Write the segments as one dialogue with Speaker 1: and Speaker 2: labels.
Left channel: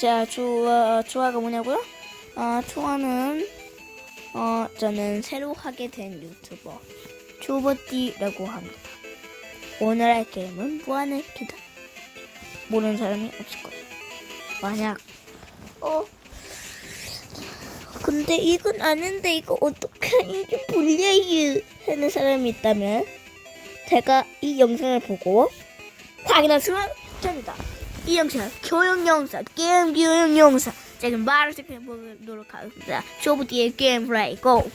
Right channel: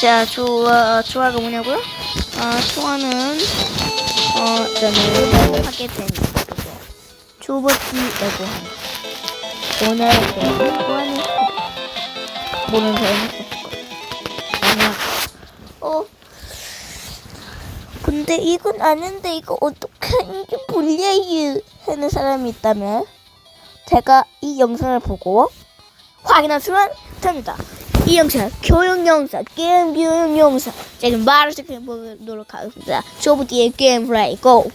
Speaker 1: 자, 조화, 조화가 뭐냐고요? 아, 조화는, 어, 저는 하게 된 그거. 조버티라고 하는. 오늘 배우는 조화는 모르는 사람은 없을 거예요. 아니야. 어. 근데 이건 아는데 이거 어떻게 이게 불려요 하는 사람이 있다면 제가 이 영상을 보고 확인하시면 됩니다. 이 영상 교육 영상, 게임 교육 영상 제가 말을 시켜 보도록 하겠습니다. 쇼부디의 게임 플레이 고!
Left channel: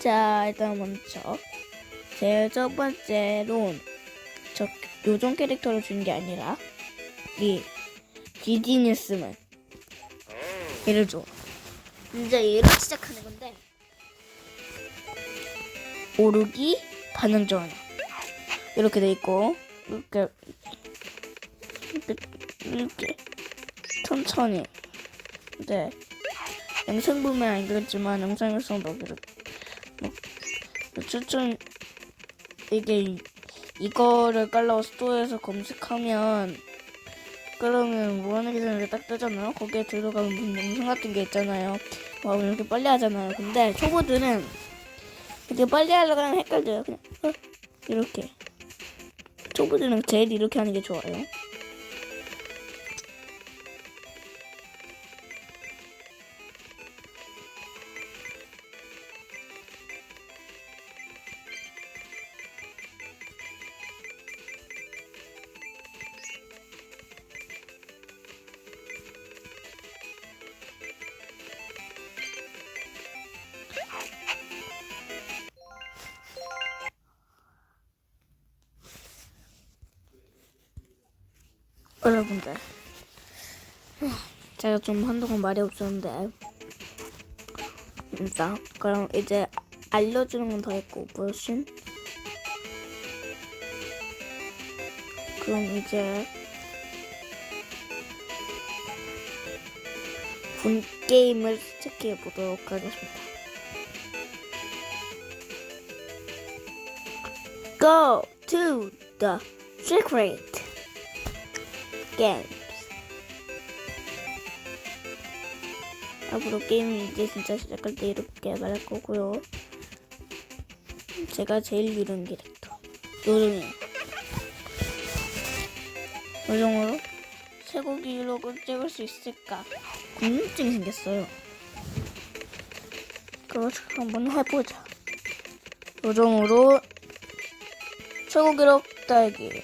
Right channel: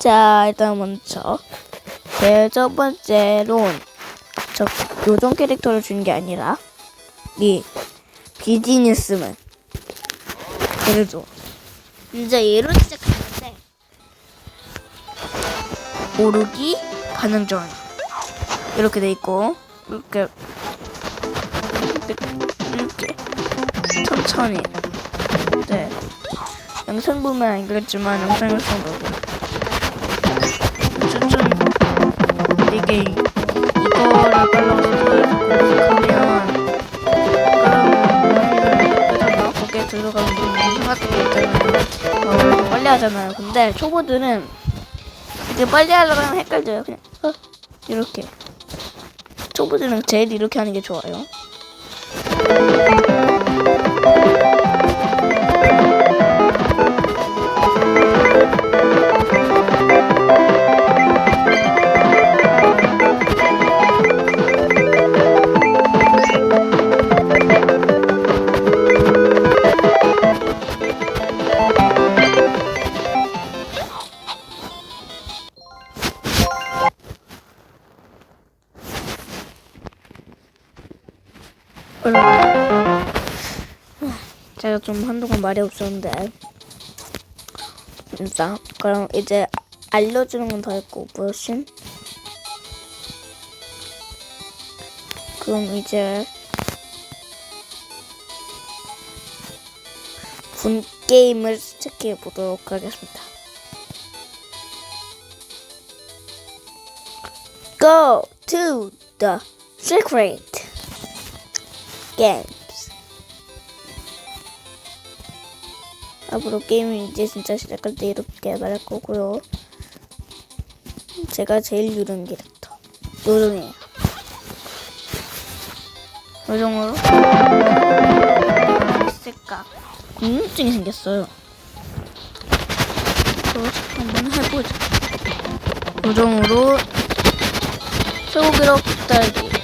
Speaker 1: 자 일단 먼저 제첫 번째로는 저 요정 캐릭터를 준게 아니라 이 비즈니스맨 얘를 줘. 이제 얘로 시작하는데 오르기 반응 전 이렇게 돼 있고 이렇게 이렇게 천천히. 네. 영상 보면 알겠지만 영상에서 보고. 추천 이게 이- 이거를 깔라고 스토어에서 검색하면 그러면 모양을 뜨잖아 거기에 들어가면 영상 같은 게 있잖아요. 어, 빨리 하잖아요. 근데 초보들은 이게 빨리 하려고 하면 헷갈려요. 그냥 어, 이렇게 초보들은 제일 이렇게 하는 게 좋아요 제가 좀 한동안 말이 없었는데. 진짜. 그럼 이제 알려주는 건 더 했고 무엇인? 그럼 이제 본 게임을 시작해 보도록 하겠습니다. Go to the secret games. 앞으로 게임이 이제 진짜 시작할 때 이렇게 말할 거고요. 제가 제일 유령 캐릭터. 요정이에요. 요정으로 있을까? 궁금증이 생겼어요. 그거 한번 해보자. 요정으로 최고 기록 달기.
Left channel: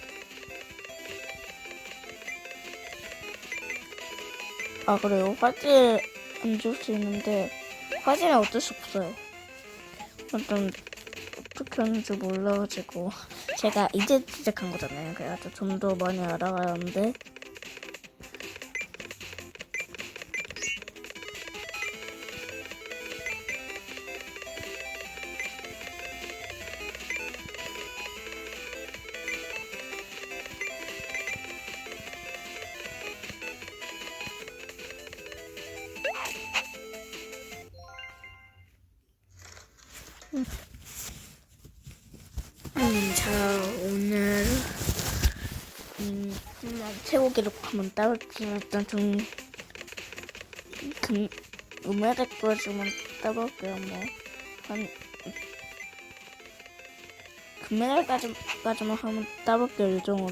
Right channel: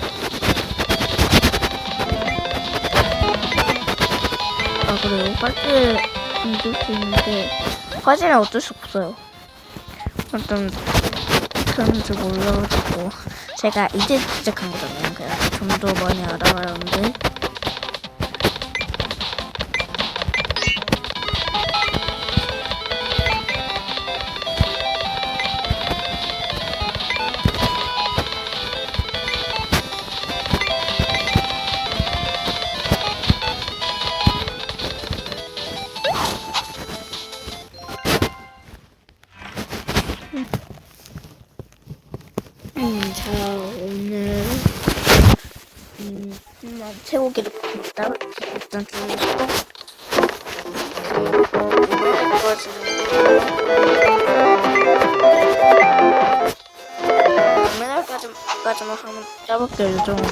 Speaker 1: 아 그래요? 화질 안줄수 있는데 화질은 어쩔 수 없어요. 일단 어떻게 하는지 몰라가지고 제가 이제 시작한 거잖아요. 그래서 좀 더 많이 알아야 하는데 자 오늘 음, 한번 따볼게요. 일단 좀될 거지만 금메달까지까지만 한번 따볼게요. 요정으로.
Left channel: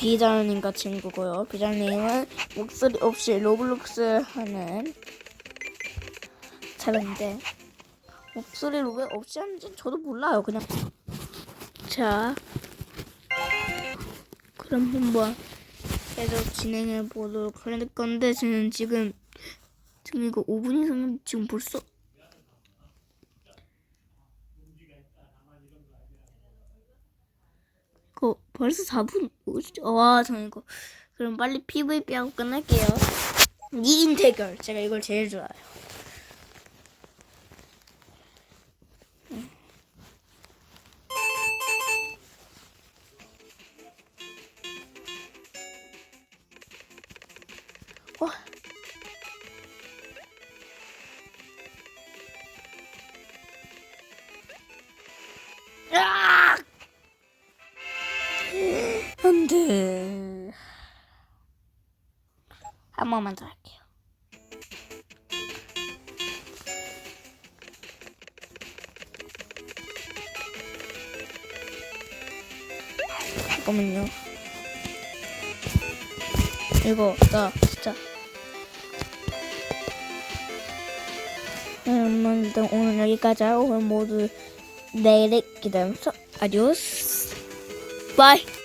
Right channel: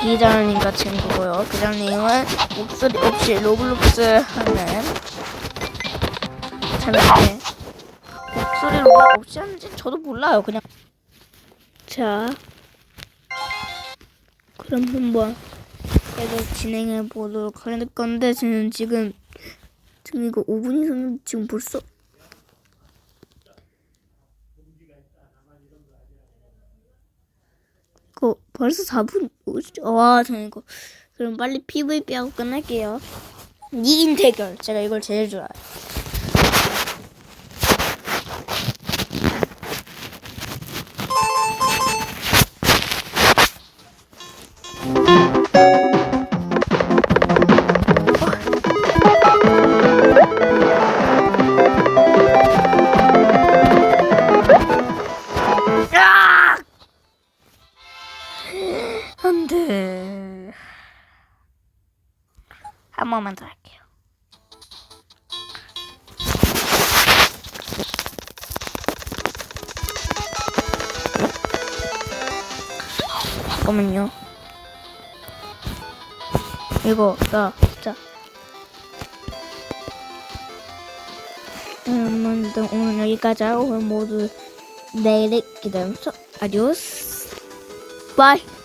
Speaker 1: 비자님과 친구고요. 비자님은 목소리 없이 로블록스 하는 자인데 목소리로 왜 없이 하는지 저도 몰라요. 그냥 자 그럼 한번 계속 진행해 보도록 할 건데 저는 지금 지금 이거 5분이 됐는데 지금 벌써 이거 벌써 4분 와 저는 이거 그럼 빨리 PVP 하고 끝낼게요. 2인 대결. 제가 이걸 제일 좋아해요. 안 돼. 한 번만 더 할게요. 잠깐만요. 이거, 나, 자. 음, 오늘 여기까지 하고, 모두 내일 기다려서, 아디오스. 바이.